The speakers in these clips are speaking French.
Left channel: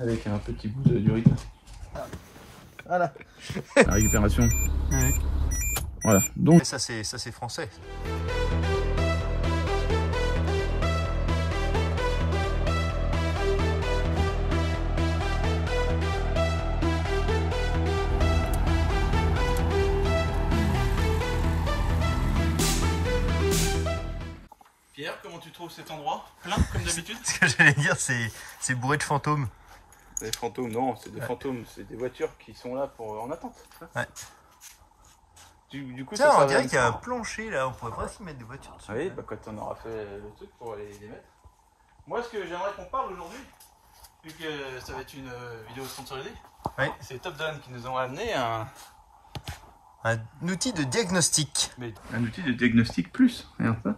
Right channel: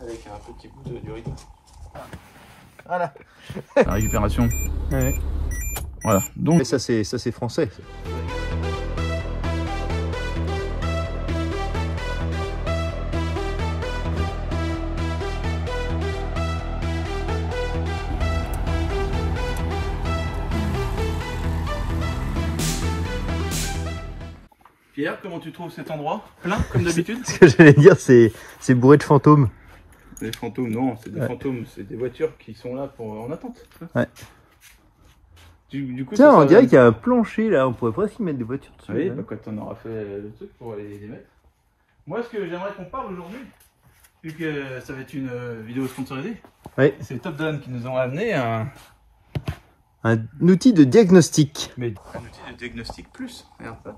avec un petit bout d'urine. Voilà. La récupération. Ouais. Voilà. Donc ça c'est français. Pierre, comment tu trouves cet endroit? Plein comme d'habitude? Ce que j'allais dire, c'est bourré de fantômes. Des fantômes, non, c'est des fantômes, c'est des voitures qui sont là pour en attente. Ouais. Du coup, tiens, ça on dirait qu'il y a un plancher là, on pourrait presque y mettre des voitures dessus. Oui, bah, quand on aura fait le truc pour les mettre. Moi, ce que j'aimerais qu'on parle aujourd'hui, vu que ça va être une vidéo sponsorisée, c'est Top Gun qui nous ont amené un outil de diagnostic. Mais un outil de diagnostic plus, regarde ça.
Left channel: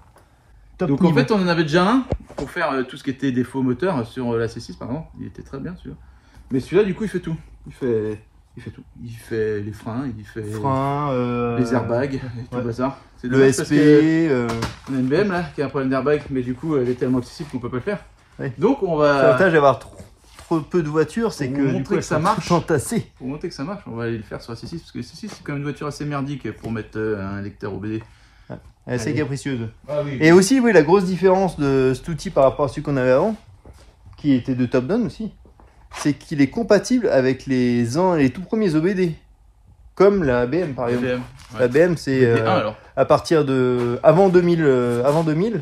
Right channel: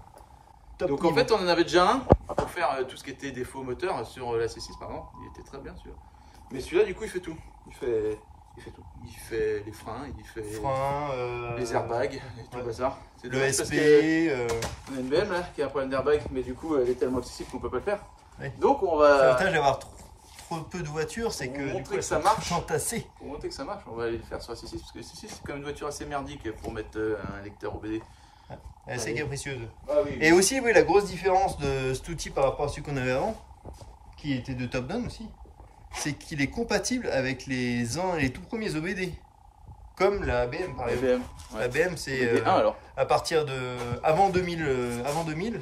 Top Donc niveau. en fait, on en avait déjà un pour faire tout ce qui était défaut moteur sur la C6 par exemple. Il était très bien celui-là. Mais celui-là, du coup, il fait tout. Il fait tout. Il fait les freins, il fait les airbags, et tout le bazar. C'est le SP. On a une BM là qui a un problème d'airbag, mais du coup, elle est tellement accessible qu'on peut pas le faire. Oui. Donc on va. L'avantage d'avoir trop peu de voitures, c'est que du coup, que ça marche. Entassées. Pour montrer que ça marche, on va aller le faire sur la C6 parce que la C6 c'est quand même une voiture assez merdique pour mettre un lecteur OBD. Elle est assez capricieuse. Ah, oui. Et aussi, oui, la grosse différence de cet outil par rapport à celui qu'on avait avant, qui était de Top Gun aussi, c'est qu'il est compatible avec les tout premiers OBD, comme la BM par exemple. La BM, c'est à partir de avant 2000,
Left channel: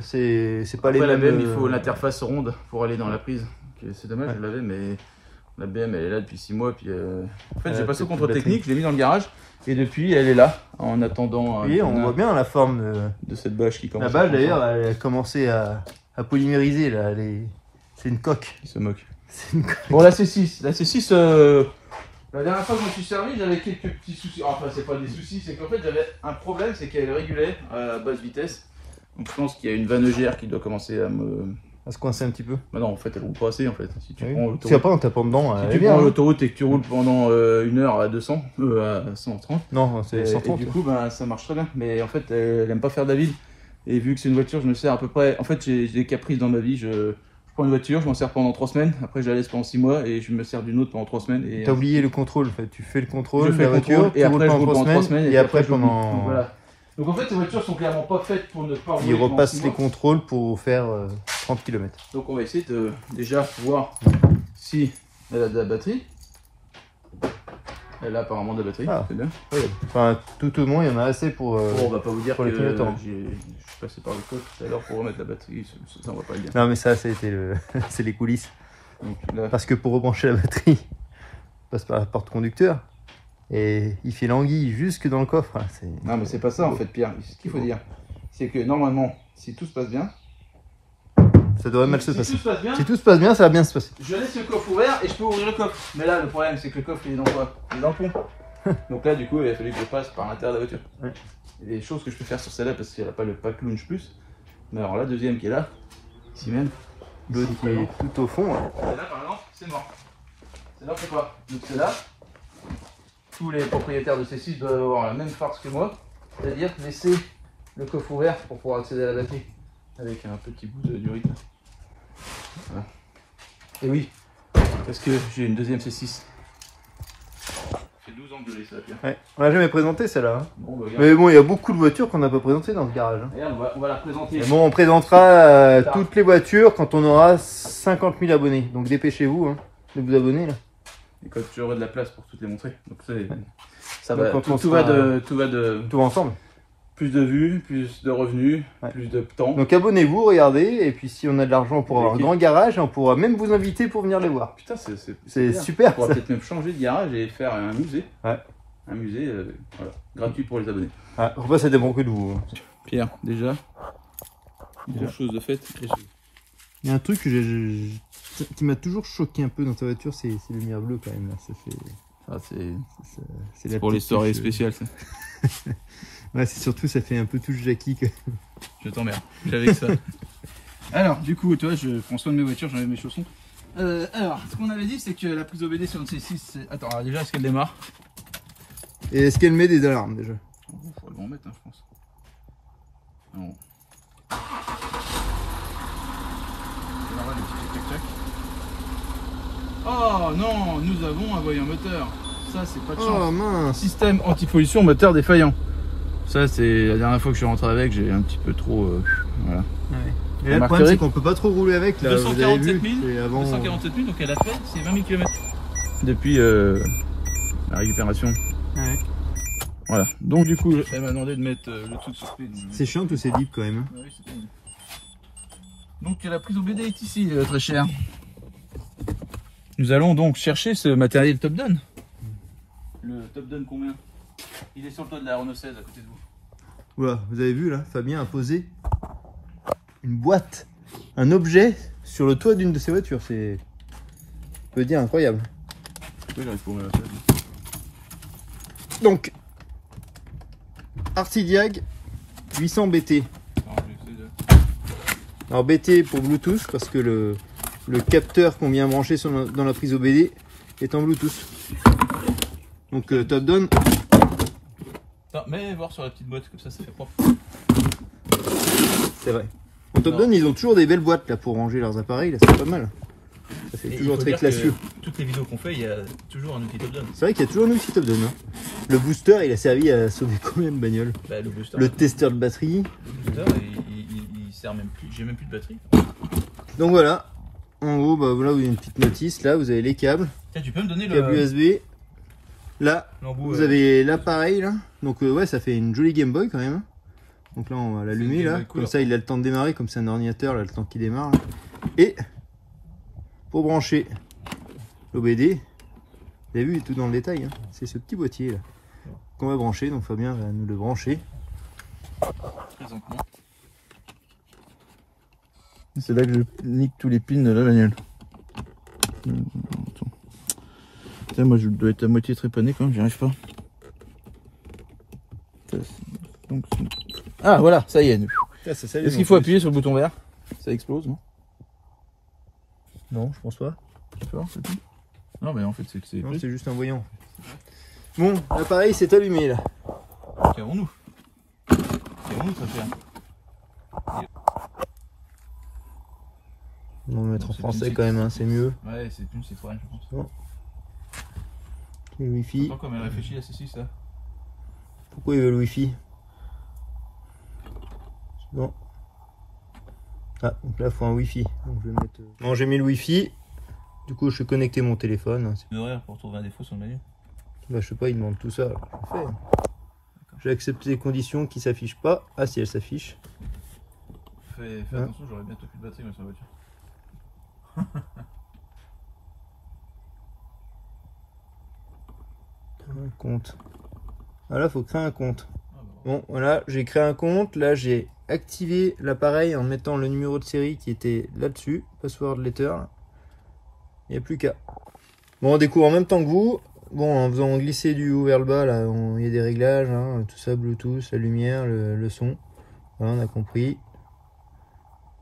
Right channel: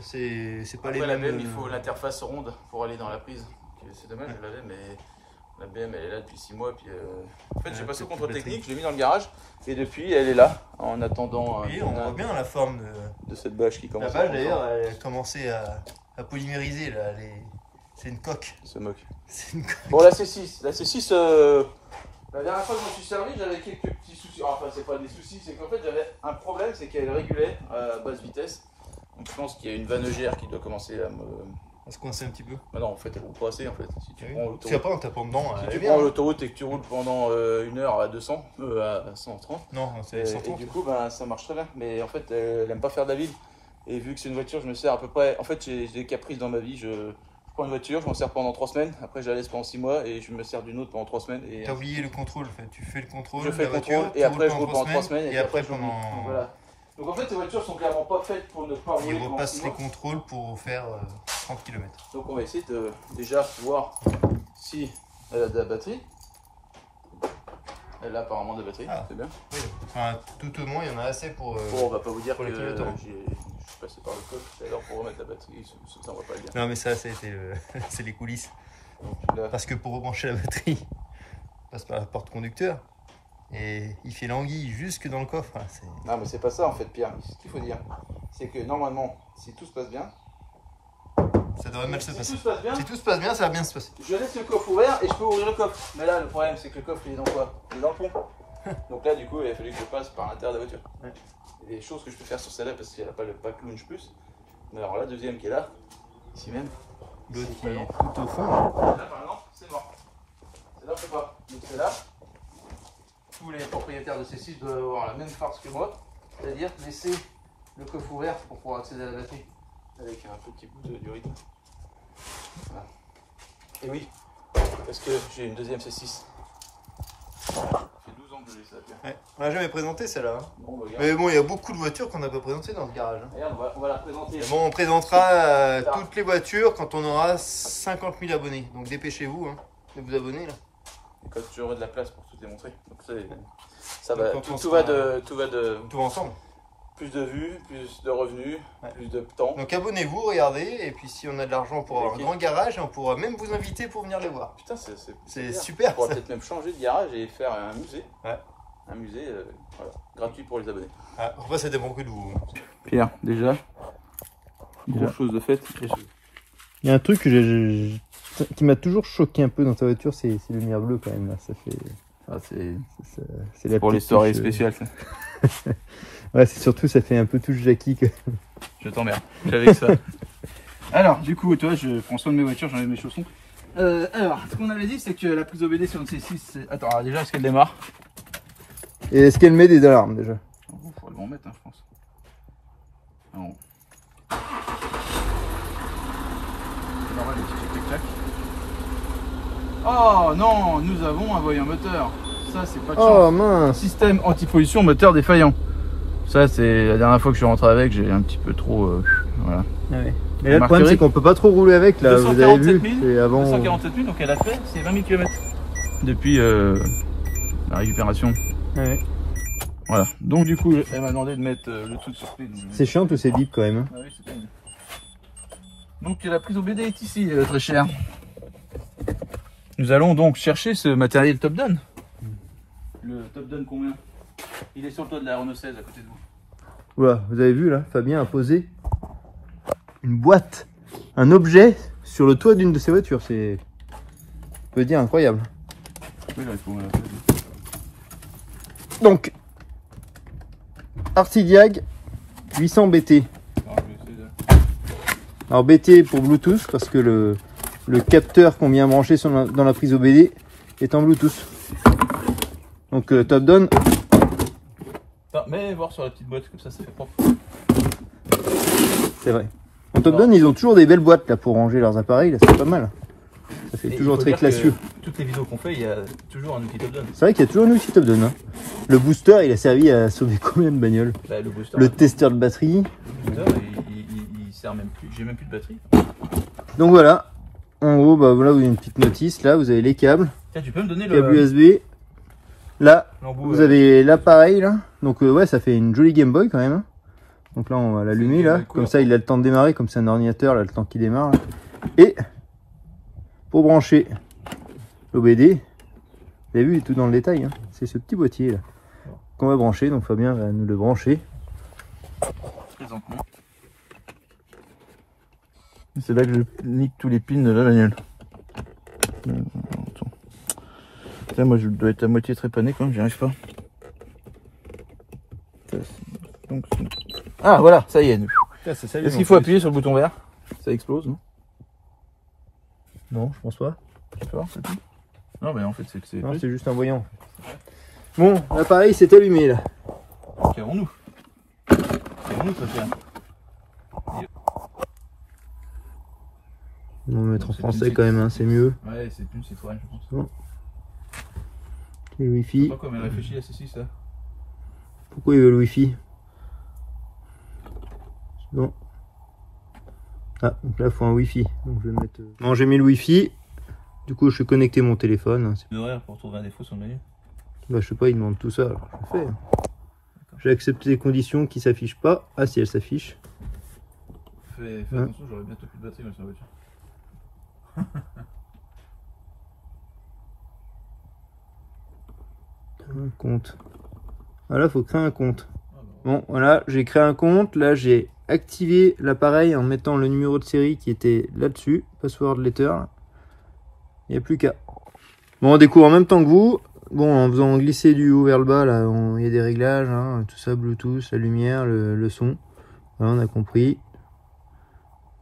c'est pas les mêmes. La BM, il faut l'interface ronde pour aller dans la prise. C'est dommage, je l'avais, mais la BM elle est là depuis 6 mois. Puis en fait, j'ai passé au contrôle technique, je l'ai mis dans le garage. Et depuis, elle est là, en attendant. Oui, on voit bien la forme de cette bâche qui commence. La bâche, d'ailleurs, elle a commencé à polymériser. Là. C'est une coque. Il se moque. C'est une coque. Bon, la C6. La C6, la dernière fois que je me suis servi, j'avais quelques petits soucis. Enfin, c'est pas des soucis, c'est qu'en fait, j'avais un problème, c'est qu'elle régulait à basse vitesse. Donc, je pense qu'il y a une vanne EGR qui doit commencer à se coincer un petit peu. Bah non, en fait, elle roule pas assez en fait. Si tu prends l'autoroute, après en tapant dedans, si tu prends l'autoroute et que tu roules pendant 1 heure à 200, à 130. Non, c'est 130. Et du coup, bah, ça marche très bien. Mais en fait, elle aime pas faire David. Et vu que c'est une voiture, je me sers à peu près. En fait, j'ai des caprices dans ma vie. Je prends une voiture, je m'en sers pendant 3 semaines. Après, je la laisse pendant 6 mois et je me sers d'une autre pendant 3 semaines. T'as oublié le contrôle en fait. Tu fais le contrôle de la voiture, et après, je roule pendant 3 semaines. Et après, pendant. Voilà. Donc en fait, ces voitures sont clairement pas faites pour ne pas rouler. Ils repassent les contrôles pour faire 30 km. Donc on va essayer de déjà voir si elle a de la batterie. Elle a apparemment de la batterie, c'est bien. Oui. Enfin, tout au moins, il y en a assez pour. Bon, on va pas vous dire que je suis passé par le coffre tout à l'heure pour remettre la batterie, ça on va pas le dire. Non mais ça, c'était c'est les coulisses. Donc, là... Parce que pour rebrancher la batterie, on passe par la porte conducteur. Et il fait l'anguille jusque dans le coffre. Non mais c'est pas ça en fait, Pierre. Ce qu'il faut dire, c'est que normalement, si tout se passe bien, ça devrait mal se passer. Si tout se passe bien, ça va bien se passer. Je laisse le coffre ouvert et je peux ouvrir le coffre. Mais là, le problème, c'est que le coffre, il est dans quoi? Il est dans le pont. Donc là, du coup, il a fallu que je passe par l'intérieur de la voiture. Ouais. Il y a des choses que je peux faire sur celle-là parce qu'elle n'a pas le pack launch plus. Mais alors la deuxième qui est là, ici même, l'autre qui est tout au fond. Celle-là, par exemple, c'est mort. Celle-là, on peut pas. Donc celle-là, tous les propriétaires de C6 doivent avoir la même farce que moi, c'est-à-dire laisser le coffre ouvert pour pouvoir accéder à la batterie avec un petit bout d'urine. Voilà. Et oui, parce que j'ai une deuxième C6. Ça fait 12 ans que je l'ai, ça, Pierre. Ouais. On l'a jamais présenté celle-là. Hein. Bon, bah, mais bon, il y a beaucoup de voitures qu'on n'a pas présentées dans ce garage. Hein. Regarde, on va la présenter. Bon, on présentera toutes les voitures quand on aura 50 000 abonnés. Donc dépêchez-vous hein, de vous abonner là. Et quand j'aurai de la place pour tout les montrer. Donc ça donc, va, tout va de tout ensemble. Plus de vues, plus de revenus, plus de temps. Donc abonnez-vous, regardez, et puis si on a de l'argent, on pourra avoir un grand garage et on pourra même vous inviter pour venir les voir. Putain, c'est super. On pourra peut-être même changer de garage et faire un musée. Ouais. Un musée voilà, gratuit pour les abonnés. Ah, enfin, ça dépend que de vous. Pierre, déjà, grosse chose de fait. Il y a un truc qui m'a toujours choqué un peu dans ta voiture, c'est le lumière bleue quand même. Là. Ça fait... c'est pour les soirées spéciales ça. Ouais, c'est surtout ça fait un peu touche Jackie. Je t'emmerde, j'avais que ça. Alors, du coup, toi, je prends soin de mes voitures, j'enlève mes chaussons. Alors, ce qu'on avait dit, c'est que la prise OBD sur une C6, c'est... Attends, alors déjà, est-ce qu'elle démarre? Et est-ce qu'elle met des alarmes déjà? Il faudrait le mettre, hein, je pense. Alors... C'est normal, le petit tac-tac. Oh non, nous avons un voyant moteur. Ça, c'est pas de Oh chance. mince. Système anti-pollution moteur défaillant. Ça, c'est la dernière fois que je suis rentré avec, j'ai un petit peu trop. Voilà. Ouais. Mais là, le problème, c'est qu'on peut pas trop rouler avec. Là, vous avez vu. 247 000, donc elle a fait, c'est 20 000 km. Depuis la récupération. Ouais. Voilà. Donc, du coup, elle m'a demandé de mettre le truc sur pied. C'est chiant tous ces bips quand même. Ah oui, c'est bien. Donc, la prise au BD est ici, très chère. Nous allons donc chercher ce matériel Top Down. Le Top Down combien? Il est sur le toit de la Renault 16 à côté de vous. Voilà, vous avez vu là, Fabien a posé une boîte, un objet sur le toit d'une de ses voitures. C'est, on peut dire, incroyable. Oui, là, il faut. Donc, Artidiag 800 BT. Alors BT pour Bluetooth parce que le capteur qu'on vient brancher dans la prise OBD est en Bluetooth. Donc Top Down. Attends, mais voir sur la petite boîte, comme ça fait propre. C'est vrai. En Top Down, ils ont toujours des belles boîtes là pour ranger leurs appareils, là c'est pas mal. Ça fait toujours très classieux. Toutes les vidéos qu'on fait, il y a toujours un outil Top Down. C'est vrai qu'il y a toujours un outil Top Down. Hein. Le booster, il a servi à sauver combien de bagnoles? Bah, le booster, le testeur de batterie. Le booster, il sert même plus. J'ai même plus de batterie. Donc voilà. En haut, bah voilà, vous avez une petite notice. Là, vous avez les câbles. Tiens, tu peux me donner câble le USB. Là, l'embout, vous avez l'appareil là. Donc ouais, ça fait une jolie Game Boy quand même. Hein. Donc là, on va l'allumer là. Comme ça, il a le temps de démarrer. Comme c'est un ordinateur, là, le temps qu'il démarre. Là. Et pour brancher l'OBD, vous avez vu, il est tout dans le détail. Hein. C'est ce petit boîtier là qu'on va brancher. Donc Fabien va nous le brancher. Présentement. C'est là que je nique tous les pins de la bagnole. Tiens, moi je dois être à moitié trépané quand même, j'y arrive pas. Donc, ah voilà, ça y est. Est-ce qu'il faut appuyer sur le bouton vert? Ça explose, non? Non, je pense pas. Non, mais en fait, c'est que c'est. Non, c'est juste un voyant. Bon, l'appareil s'est allumé là. Qu'avons-nous? Qu'avons-nous, ça fait? On va mettre en français quand même, hein, c'est mieux. Ouais, c'est une Citroën, je pense. Bon. Le Wi-Fi. Attends, comme elle réfléchit à C6 là. Pourquoi il veut le Wi-Fi? Non. Ah, donc là, il faut un Wi-Fi. Donc je vais mettre. Bon, j'ai mis le Wi-Fi. Du coup, je suis connecté mon téléphone. Horaire pour trouver un défaut sur le menu. Bah, je sais pas, il demande tout ça. Alors je fais. J'ai accepté les conditions qui s'affichent pas. Ah, si elles s'affichent. Fais attention, j'aurai bientôt plus de batterie sur la voiture. Un compte. Ah là, faut créer un compte. Bon, voilà, j'ai créé un compte. Là, j'ai activé l'appareil en mettant le numéro de série qui était là-dessus. Password letter. Il n'y a plus qu'à. Bon, on découvre en même temps que vous. Bon, en faisant glisser du haut vers le bas, là, il y a des réglages, hein, tout ça, Bluetooth, la lumière, le son. Voilà, on a compris.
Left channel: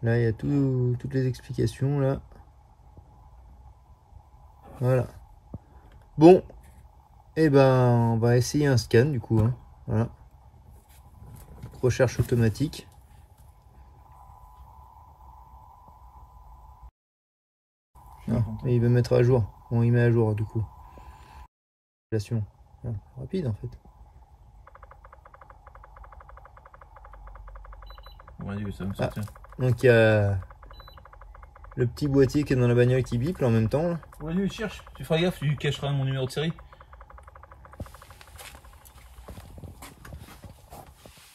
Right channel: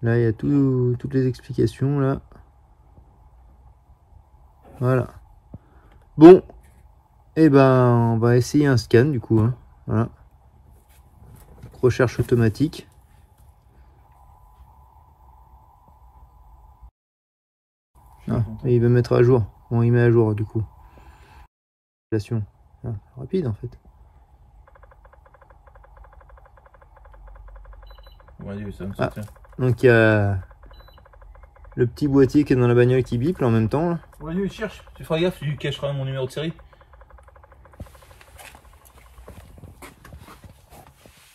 Là, il y a toutes les explications, là. Voilà. Bon. Et ben, on va essayer un scan, du coup. Hein. Voilà. Recherche automatique. Ah, et il va mettre à jour. Bon, il met à jour, du coup. Ah, rapide, en fait. Ouais, ça me ah. Donc, il y a le petit boîtier qui est dans la bagnole qui bip là, en même temps. Là. Ouais, lui, il cherche. Tu feras gaffe, tu cacheras mon numéro de série.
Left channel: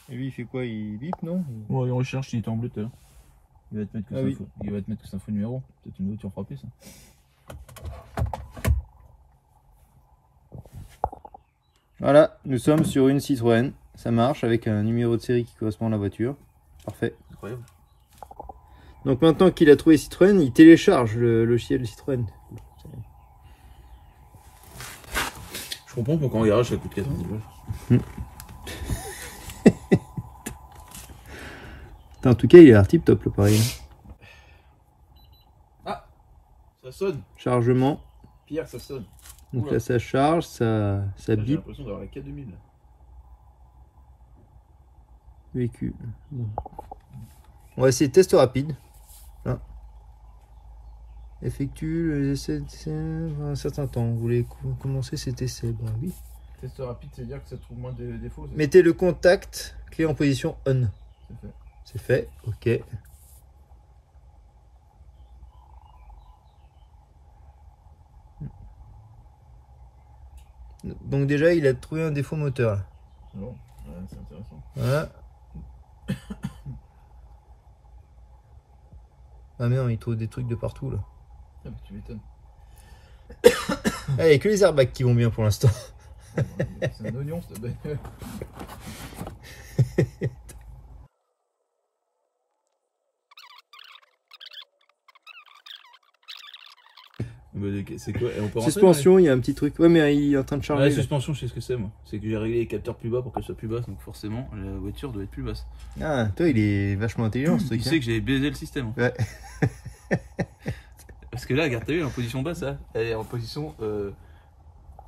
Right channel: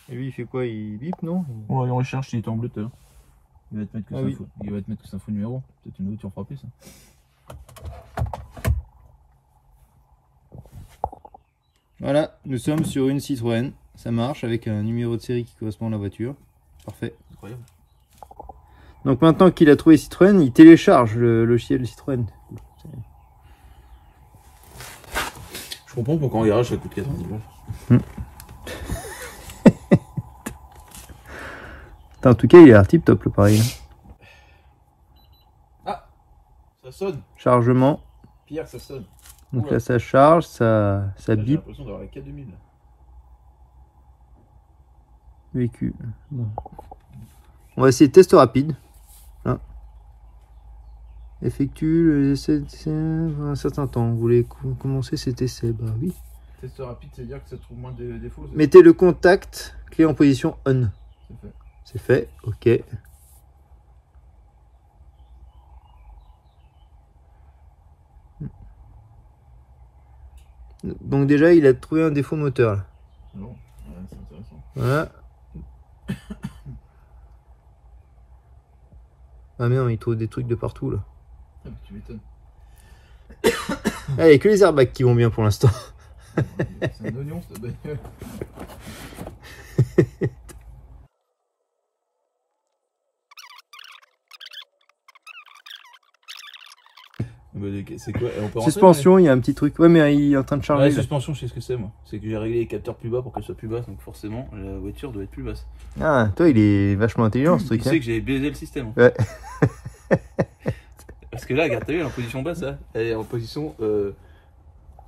Et lui, il fait quoi? Il bip, non? Ouais, il recherche, il est en bleu tout à l'heure. Il va te mettre que ça. Oui. Il va te mettre que c'est un faux numéro. Peut-être une voiture frappée, ça. Voilà, nous sommes sur une Citroën. Ça marche avec un numéro de série qui correspond à la voiture. Parfait. Incroyable. Donc maintenant qu'il a trouvé Citroën, il télécharge le logiciel Citroën. Je comprends pourquoi en garage ça coûte 90 balles. En tout cas, il a l'air tip top l'appareil. Ah, ça sonne. Chargement. Pierre, ça sonne. Donc là, ça charge, ça bip. J'ai l'impression d'avoir la K2000. Vécu. Bon. On va essayer test rapide. Là. Effectue les essais un certain temps. Vous voulez commencer cet essai? Bah oui. Test rapide, c'est-à-dire que ça trouve moins de défauts. Mettez le contact clé en position on. C'est fait. C'est fait, ok. Donc déjà, il a trouvé un défaut moteur là. Non, c'est intéressant. Voilà. Ah merde, il trouve des trucs de partout là. Ah bah tu m'étonnes. Ah, il n'y a que les airbags qui vont bien pour l'instant. C'est un oignon cette bagnole. C'est quoi? Et on peut Suspension, il y a un petit truc. Ouais, mais il est en train de charger. La suspension, je sais ce que c'est moi. C'est que j'ai réglé les capteurs plus bas pour qu'elle soit plus basse, donc forcément la voiture doit être plus basse. Ah, toi, il est vachement intelligent ce truc. Tu sais que j'ai baisé le système. En fait. Ouais. Parce que là, regarde, t'as vu, elle est en position basse là. Elle est en position.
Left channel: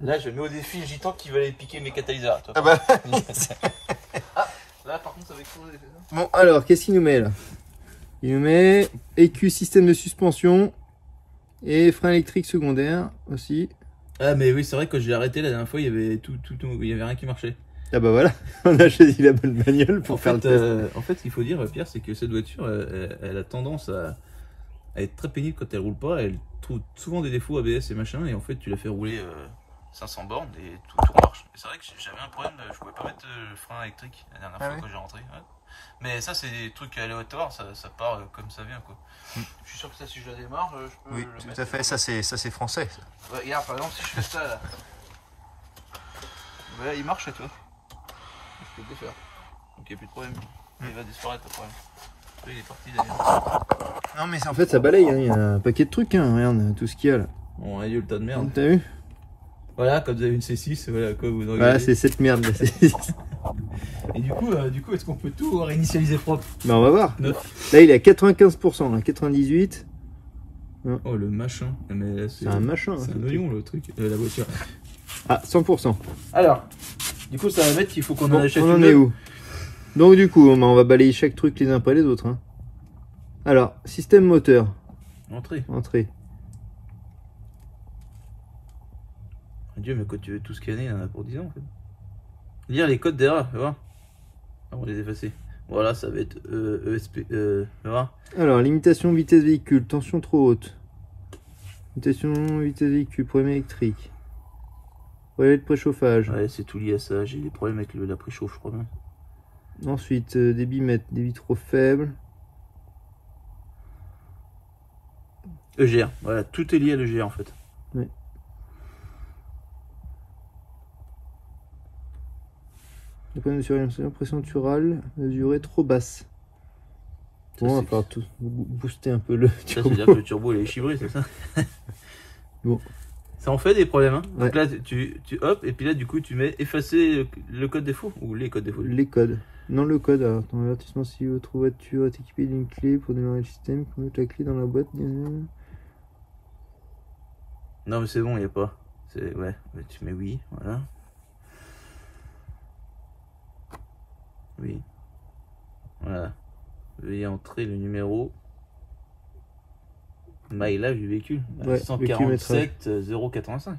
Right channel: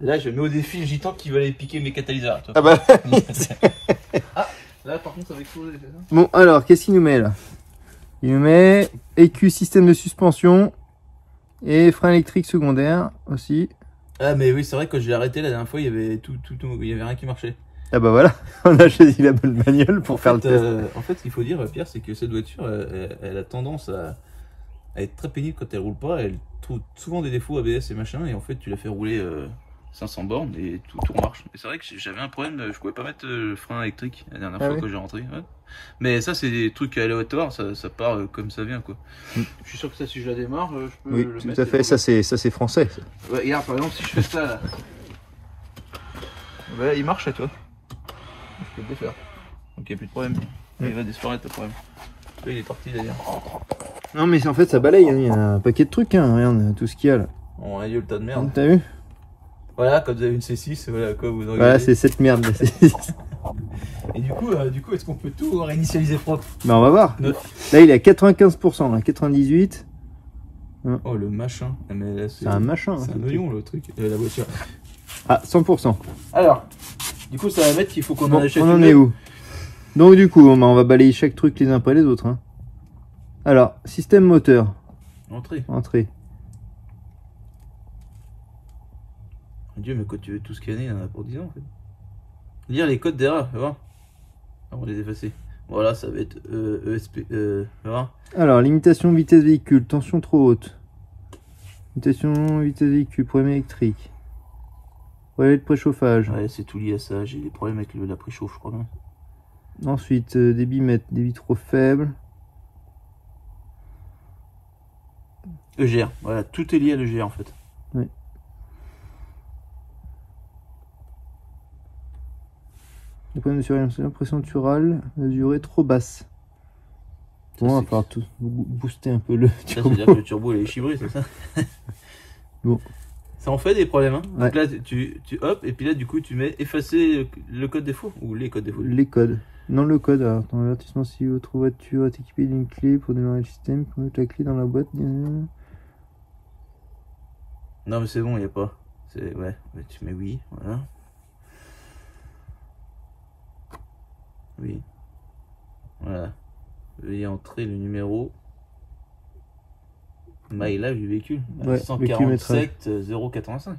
Là, je mets au défi Gitan qui va aller piquer mes catalyseurs. Ah bah. Ah, là, par contre, ça va exploser les fesses. Bon, alors, qu'est-ce qu'il nous met là? Il nous met EQ système de suspension et frein électrique secondaire aussi. Ah, mais oui, c'est vrai que quand j'ai arrêté la dernière fois, il y avait il y avait rien qui marchait. Ah bah voilà, on a choisi la bonne bagnole pour faire le test. En fait, ce qu'il faut dire, Pierre, c'est que cette voiture, elle a tendance à être très pénible quand elle roule pas. Elle trouve souvent des défauts ABS et machin, et en fait, tu la fais rouler 500 bornes et tout marche. Et c'est vrai que j'avais un problème, je pouvais pas mettre le frein électrique la dernière fois quand j'ai rentré. Ouais. Mais ça, c'est des trucs aléatoires, ça part comme ça vient quoi. Je suis sûr que ça, si je la démarre, je peux oui, le tout mettre. à fait, ça c'est français. Ouais, regarde, par exemple, si je fais ça là, bah, là il marche là, tu vois. Je peux le défaire. Donc il n'y a plus de problème. Il va disparaître le problème. Là, il est parti d'ailleurs. Non, mais en fait, ça balaye, hein. Il y a un paquet de trucs, hein. Regarde tout ce qu'il y a là. On a eu le tas de merde. T'as vu? Voilà, quand vous avez une C6, voilà quoi vous regardez. Voilà, c'est cette merde la C6. Et du coup, est-ce qu'on peut tout réinitialiser propre? Bah, on va voir. Neuf. Là, il est à 95%, là, 98. Oh, le machin. C'est un machin. C'est un oignon le truc, la voiture. Ah, 100%. Alors, du coup, ça va mettre qu'il faut qu'on bon, en achète on en une. est où? Donc, du coup, on va balayer chaque truc les uns après les autres. Hein. Alors, système moteur. Entrée. Entrée. Dieu, mais quand tu veux tout scanner, il y en a pour 10 ans en fait. Lire les codes d'erreur, tu vois. On va les effacer. Voilà, ça va être ESP. Tu vois. Alors, limitation vitesse véhicule, tension trop haute. Limitation vitesse véhicule, problème électrique. Relais de préchauffage. Ouais, c'est tout lié à ça. J'ai des problèmes avec la préchauffe, je crois. Hein. Ensuite, débit mètre, débit trop faible. EGR, voilà, tout est lié à l'EGR en fait. Oui. Le problème de surveillance, pression naturelle, mesurée trop basse. Bon, on va falloir tout booster un peu le turbo. Ça, c'est-à-dire que le turbo est chibré, c'est ça? Bon. Ça en fait des problèmes, hein. Ouais. Donc là, tu hop, et puis là, du coup, tu mets effacer le code défaut ou les codes défauts. Les codes. Non, le code. Alors, ton avertissement si votre voiture est équipée d'une clé pour démarrer le système, pour mettre la clé dans la boîte. Non, mais c'est bon, il n'y a pas. Ouais, mais tu mets oui, voilà. Oui. Voilà. Veuillez entrer le numéro mileage du véhicule. Ouais, 147 085.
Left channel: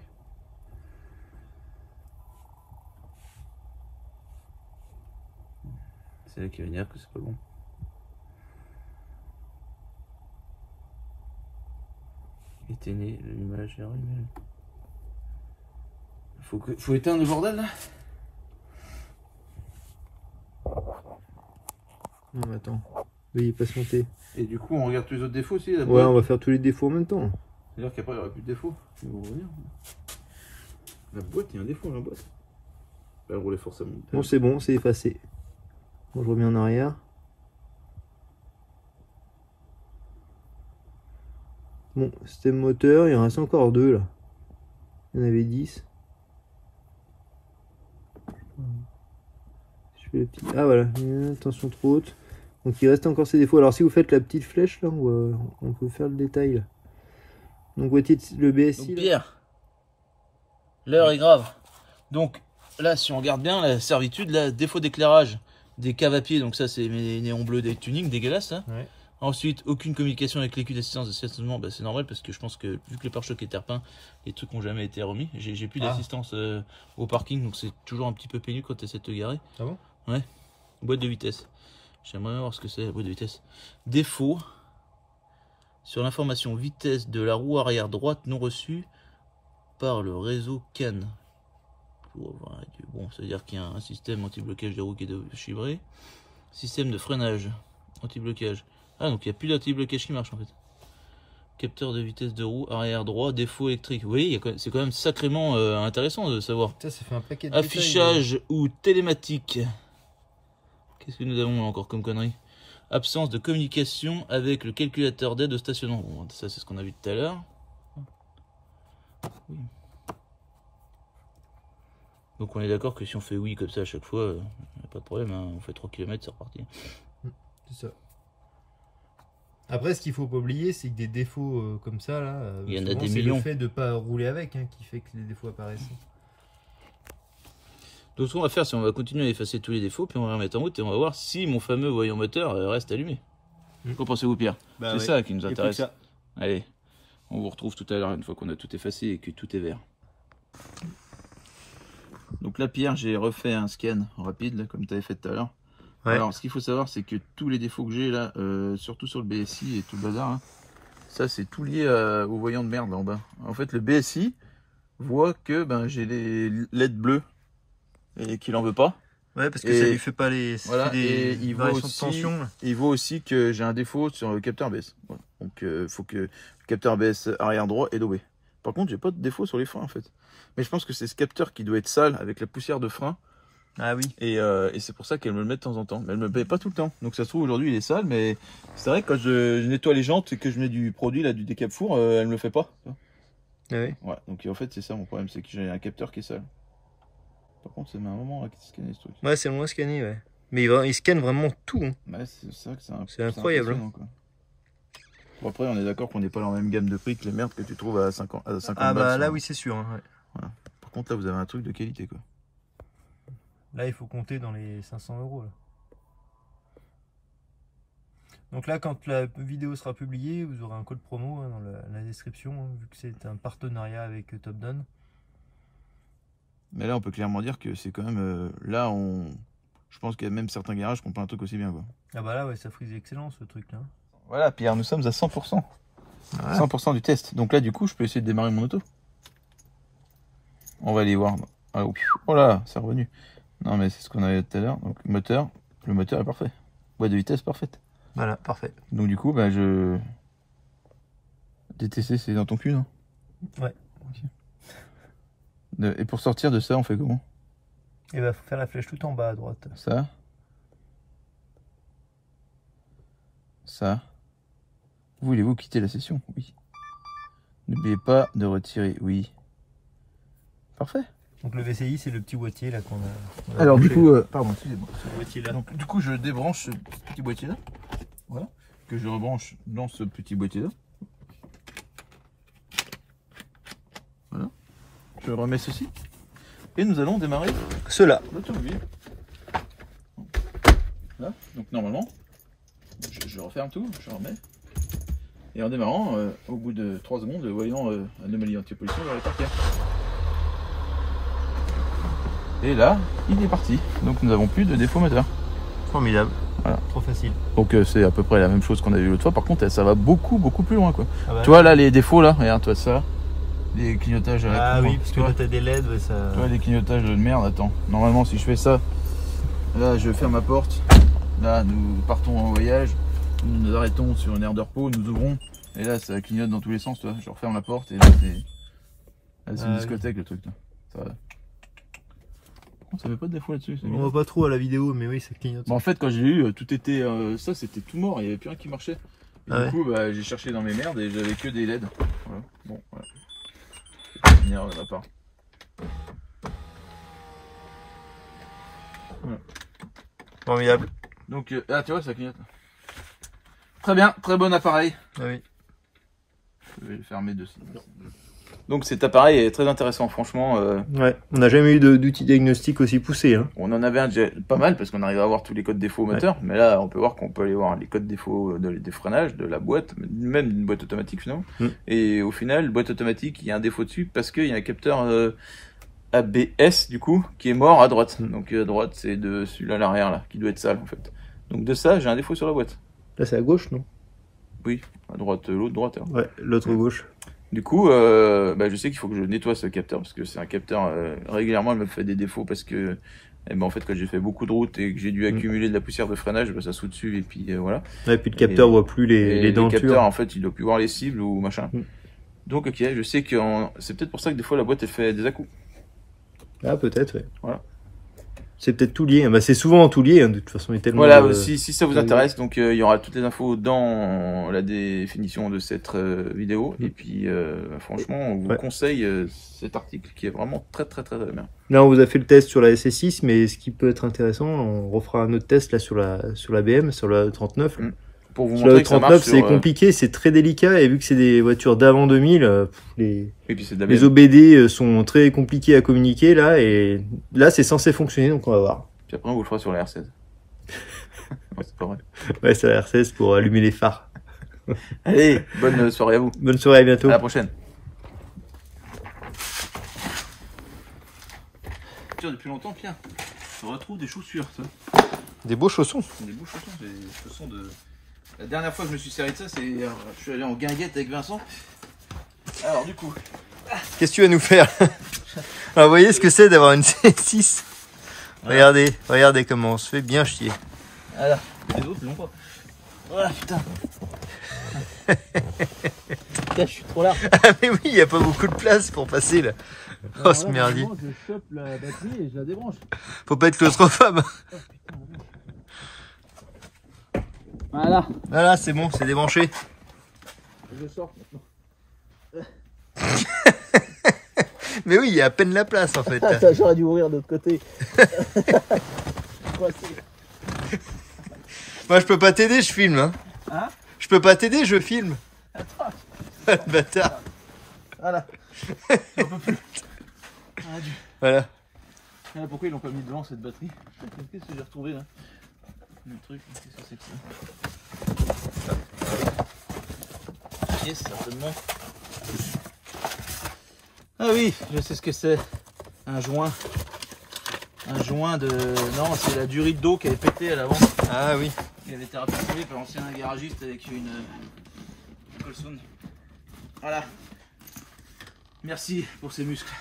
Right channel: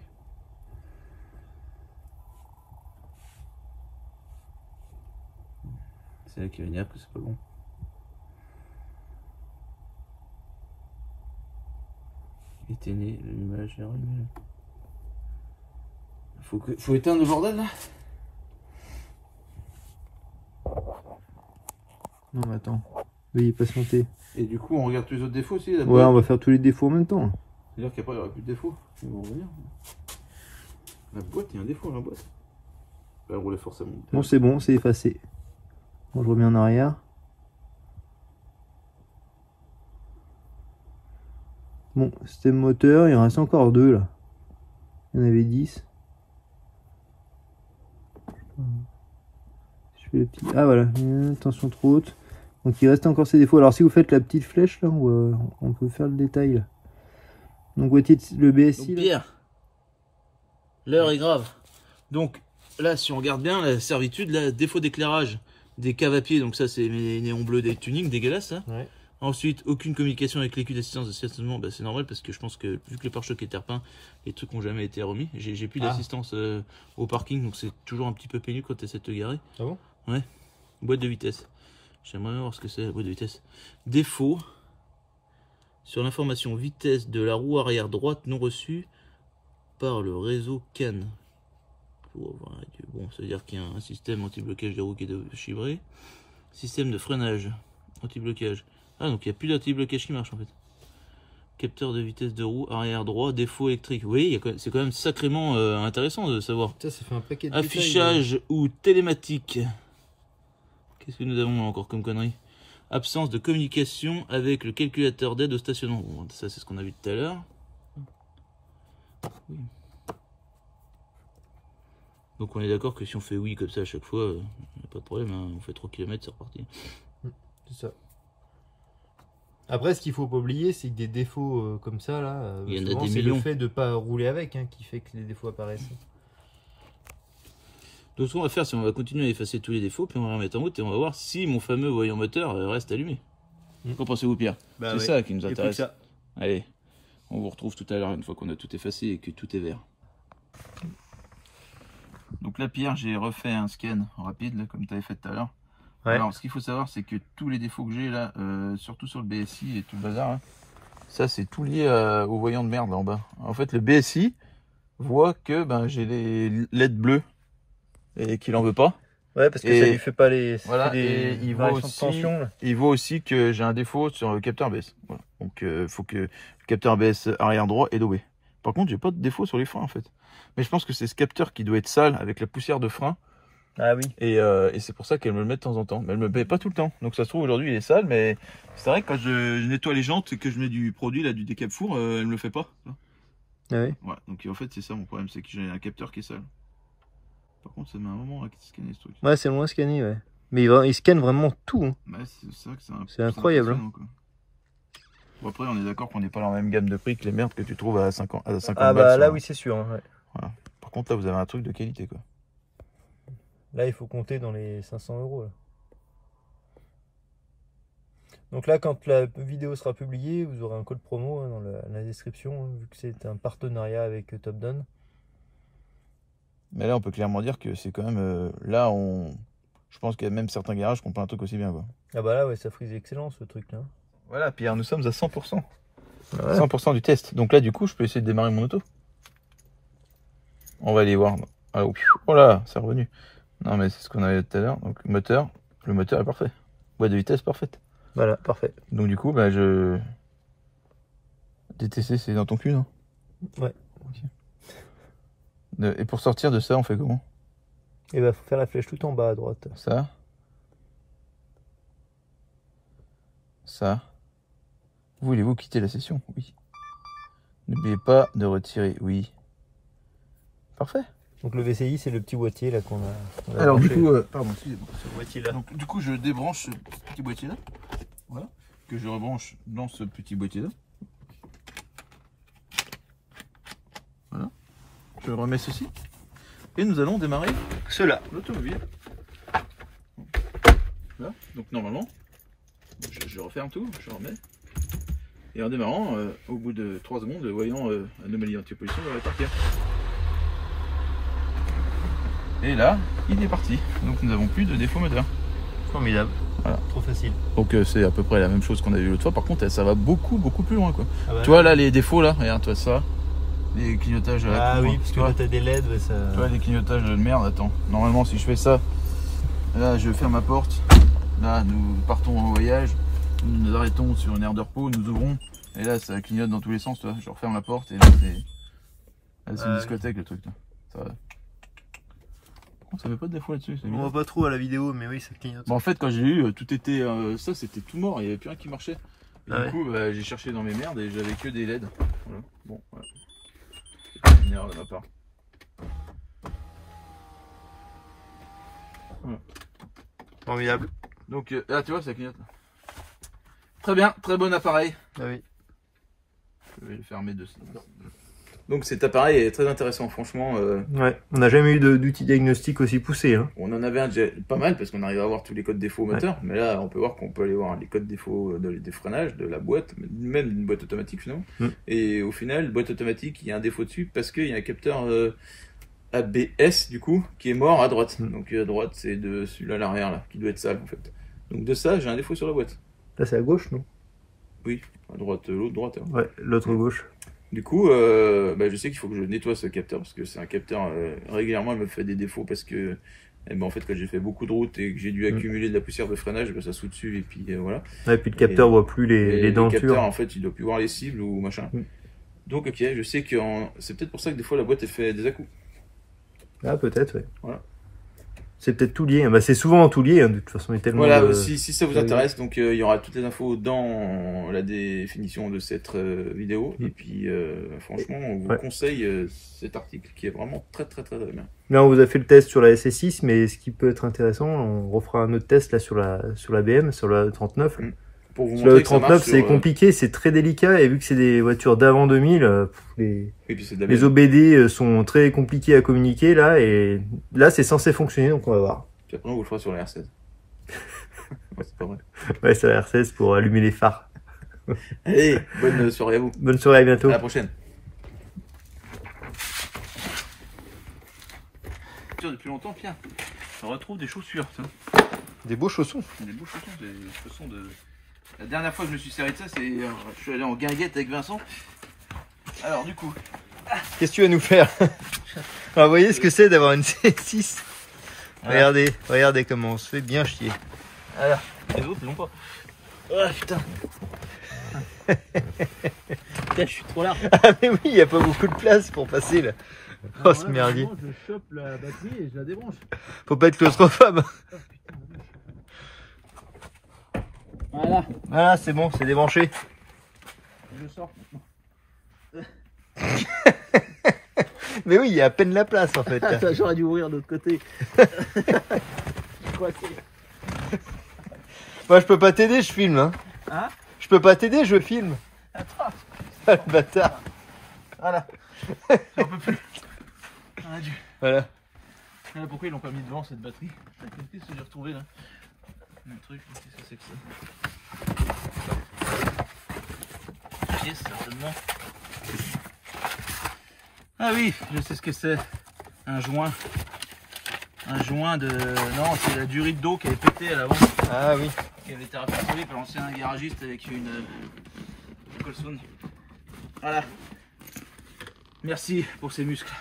C'est là qui va dire que c'est pas bon. Éteignez l'image. Faut éteindre le bordel là. Non, mais attends. Veuillez patienter. Et du coup, on regarde tous les autres défauts aussi. Ouais, on va faire tous les défauts en même temps. C'est-à-dire qu'après, il n'y aura plus de défauts. Ils vont revenir. La boîte, il y a un défaut dans la boîte. Elle roulait forcément. Bon, c'est bon, c'est effacé. Bon, je reviens en arrière. Bon, système moteur, il en reste encore 2 là. Il y en avait 10. Je fais le petit... Ah voilà, tension trop haute. Donc il reste encore ces défauts. Alors si vous faites la petite flèche là, on peut faire le détail là. Donc voici le BSI. Donc, Pierre, l'heure est grave. Donc là, si on regarde bien la servitude, là, défaut d'éclairage des caves à pied. Donc ça, c'est mes néons bleus des tuning dégueulasses. Hein. Ouais. Ensuite, aucune communication avec l'écu d'assistance de stationnement. Bah, c'est normal parce que je pense que vu que le pare-choc est terre-peint, les trucs n'ont jamais été remis. J'ai plus d'assistance au parking, donc c'est toujours un petit peu pénible quand tu essaies de te garer. Ah bon? Ouais. Boîte de vitesse. J'aimerais voir ce que c'est la boîte de vitesse. Défaut. Sur l'information vitesse de la roue arrière droite non reçue par le réseau CAN. Bon, ça veut dire qu'il y a un système anti-blocage des roues qui est chibré. Système de freinage anti-blocage. Ah, donc il n'y a plus d'anti-blocage qui marche en fait. Capteur de vitesse de roue arrière droit, défaut électrique. Oui, c'est quand même sacrément intéressant de savoir. Ça fait un paquet de Affichage détails, ou télématique. Qu'est-ce que nous avons encore comme connerie? Absence de communication avec le calculateur d'aide au stationnement. Bon, ça c'est ce qu'on a vu tout à l'heure. Oui. Donc on est d'accord que si on fait oui comme ça à chaque fois, pas de problème, hein. On fait 3 km, c'est reparti. C'est ça. Après, ce qu'il faut pas oublier, c'est que des défauts comme ça, là, il y en a des c'est millions. le fait de pas rouler avec qui fait que les défauts apparaissent. Donc ce qu'on va faire, c'est on va continuer à effacer tous les défauts, puis on va remettre en route et on va voir si mon fameux voyant moteur reste allumé. Qu'en pensez-vous, Pierre? C'est ça qui nous intéresse. Allez, on vous retrouve tout à l'heure une fois qu'on a tout effacé et que tout est vert. Donc là, Pierre, j'ai refait un scan rapide, là, comme tu avais fait tout à l'heure. Ouais. Alors, ce qu'il faut savoir, c'est que tous les défauts que j'ai là, surtout sur le BSI et tout le bazar, hein, ça, c'est tout lié au voyant de merde là, en bas. En fait, le BSI voit que j'ai les LED bleus et qu'il en veut pas. Ouais, parce que ça lui fait pas les variations de tension. Là. Il voit aussi que j'ai un défaut sur le capteur ABS. Voilà. Donc, il faut que le capteur ABS arrière droit est daubé. Par contre, j'ai pas de défaut sur les freins en fait. Mais je pense que c'est ce capteur qui doit être sale avec la poussière de frein. Ah oui. Et c'est pour ça qu'elle me le met de temps en temps. Mais elle me le met pas tout le temps. Donc ça se trouve aujourd'hui il est sale, mais c'est vrai que quand je nettoie les jantes et que je mets du produit là, du décap four, elle me le fait pas. Ah oui. Ouais, donc en fait c'est ça mon problème, c'est que j'ai un capteur qui est sale. Par contre ça met un moment à scanner ce truc. Ouais, c'est long à scanner, ouais. Mais il scanne vraiment tout. Hein. Ouais, c'est vrai que c'est incroyable. Hein. Bon, après on est d'accord qu'on n'est pas dans la même gamme de prix que les merdes que tu trouves à 50 Ah bah là oui c'est sûr. Hein, ouais. Voilà. Par contre là vous avez un truc de qualité quoi. Là, il faut compter dans les 500 €. Là. Donc là, quand la vidéo sera publiée, vous aurez un code promo dans la description, vu que c'est un partenariat avec Topdon. Mais là, on peut clairement dire que c'est quand même... là, je pense qu'il y a même certains garages qui ont pas un truc aussi bien. Quoi. Ah bah là, ouais, ça frise excellent ce truc-là. Voilà, Pierre, nous sommes à 100%. Ouais. 100% du test. Donc là, du coup, je peux essayer de démarrer mon auto. On va aller voir. Oh là, c'est revenu. Non mais c'est ce qu'on avait tout à l'heure. Donc moteur, le moteur est parfait. Boîte de vitesse parfaite. Voilà, parfait. Donc du coup, DTC c'est dans ton cul, non? Ouais. Okay. Et pour sortir de ça, on fait comment? Et bah faut faire la flèche tout en bas à droite. Ça. Ça. Voulez-vous quitter la session? Oui. N'oubliez pas de retirer, oui. Parfait. Donc le VCI c'est le petit boîtier là qu'on a. Alors branché. Du coup, pardon, excusez-moi. Ce boîtier là. Donc du coup je débranche ce petit boîtier là. Voilà. Que je rebranche dans ce petit boîtier là. Voilà. Je remets ceci. Et nous allons démarrer l'automobile. Là. Donc normalement, je referme tout, je remets. Et en démarrant, au bout de 3 secondes, le voyant anomalie anti-pollution va partir. Et là, il est parti. Donc nous n'avons plus de défaut moteur. Formidable. Voilà. Trop facile. Donc c'est à peu près la même chose qu'on a vu l'autre fois. Par contre, ça va beaucoup plus loin quoi. Ah bah, tu vois là les défauts là, regarde toi ça. Les clignotages. Ah oui, parce que là t'as des LED, ouais, ça. Tu vois les clignotages de merde, attends. Normalement si je fais ça, là je ferme ma porte. Là nous partons en voyage. Nous nous arrêtons sur une aire de repos, nous ouvrons. Et là ça clignote dans tous les sens, tu vois. Je referme la porte et là c'est une discothèque le truc là. Ça va. Ça fait pas de défaut là-dessus. On voit pas trop à la vidéo, mais oui, ça clignote. Bon, en fait, quand j'ai eu, tout était. Ça, c'était tout mort, il n'y avait plus rien qui marchait. Et ah du coup, j'ai cherché dans mes merdes et j'avais que des LED. Voilà. Bon, voilà. C'est une erreur de ma part. Voilà. Formidable. Donc, là, tu vois, ça clignote. Très bien, très bon appareil. Ah oui. Je vais le fermer de ça. Donc cet appareil est très intéressant, franchement. Ouais, on n'a jamais eu d'outil diagnostic aussi poussé. Hein. On en avait un déjà pas mal parce qu'on arrive à voir tous les codes défauts moteurs, mais là on peut voir qu'on peut aller voir les codes défauts des freinages, de la boîte, même d'une boîte automatique finalement. Et au final, boîte automatique, il y a un défaut dessus parce qu'il y a un capteur ABS du coup qui est mort à droite. Donc à droite c'est de celui-là à l'arrière là, qui doit être sale en fait. Donc de ça, j'ai un défaut sur la boîte. Là c'est à gauche, non? Oui, à droite, l'autre droite. Hein. Ouais, l'autre gauche. Du coup, je sais qu'il faut que je nettoie ce capteur parce que c'est un capteur régulièrement il me fait des défauts parce que en fait quand j'ai fait beaucoup de routes et que j'ai dû accumuler de la poussière de freinage, ça saute dessus et puis voilà. Ouais, et puis le capteur voit plus les dentures. Le capteur en fait il doit plus voir les cibles ou machin. Donc ok, je sais que c'est peut-être pour ça que des fois la boîte elle fait des à-coups. Ah peut-être, ouais. Voilà. C'est peut-être tout lié. Bah, c'est souvent tout lié, hein, de toute façon. Il est tellement voilà, si ça vous intéresse, donc il y aura toutes les infos dans la définition de cette vidéo. Et puis, franchement, on vous conseille cet article qui est vraiment très bien. Là, on vous a fait le test sur la SS6, mais ce qui peut être intéressant, on refera un autre test là sur la BM, sur la 39. Pour vous sur la 39, c'est compliqué, c'est très délicat, et vu que c'est des voitures d'avant 2000, les OBD sont très compliqués à communiquer là, et là c'est censé fonctionner, donc on va voir. Puis après on vous le fera sur la R16. Ouais, c'est pas vrai. Ouais, sur la R16 pour allumer les phares. Allez, bonne soirée à vous. Bonne soirée, à bientôt. À la prochaine. Depuis longtemps, Pierre, on retrouve des chaussures. Des beaux chaussons. Des beaux chaussons, des chaussons de... La dernière fois que je me suis servi de ça, c'est je suis allé en guinguette avec Vincent. Alors du coup... Qu'est-ce que tu vas nous faire? Alors vous voyez ce que c'est d'avoir une C6. Regardez, regardez comment on se fait bien chier. Alors, les autres ils l'ont pas. Oh putain. Putain, je suis trop large. Ah mais oui, il n'y a pas beaucoup de place pour passer là. Oh ce merdier. Je chope la batterie et je la débranche. Faut pas être claustrophobe. Voilà. Voilà, c'est bon, c'est débranché. Je sors maintenant. Mais oui, il y a à peine la place en fait. Ça, j'aurais dû ouvrir de l'autre côté. Moi je peux pas t'aider, je filme. Hein, je peux pas t'aider, je filme. Attends. Le bâtard. Voilà. J'en peux plus. Voilà. Pourquoi ils l'ont pas mis devant cette batterie? Qu'est-ce que j'ai retrouvé là? Le truc, qu'est-ce que c'est que ça? Yes, certainement. Ah oui, je sais ce que c'est. Un joint. Un joint de... Non, c'est la durite d'eau qui avait pété à l'avant. Ah oui. Qui avait été rapprochée par l'ancien garagiste avec une Colson. Voilà. Merci pour ces muscles.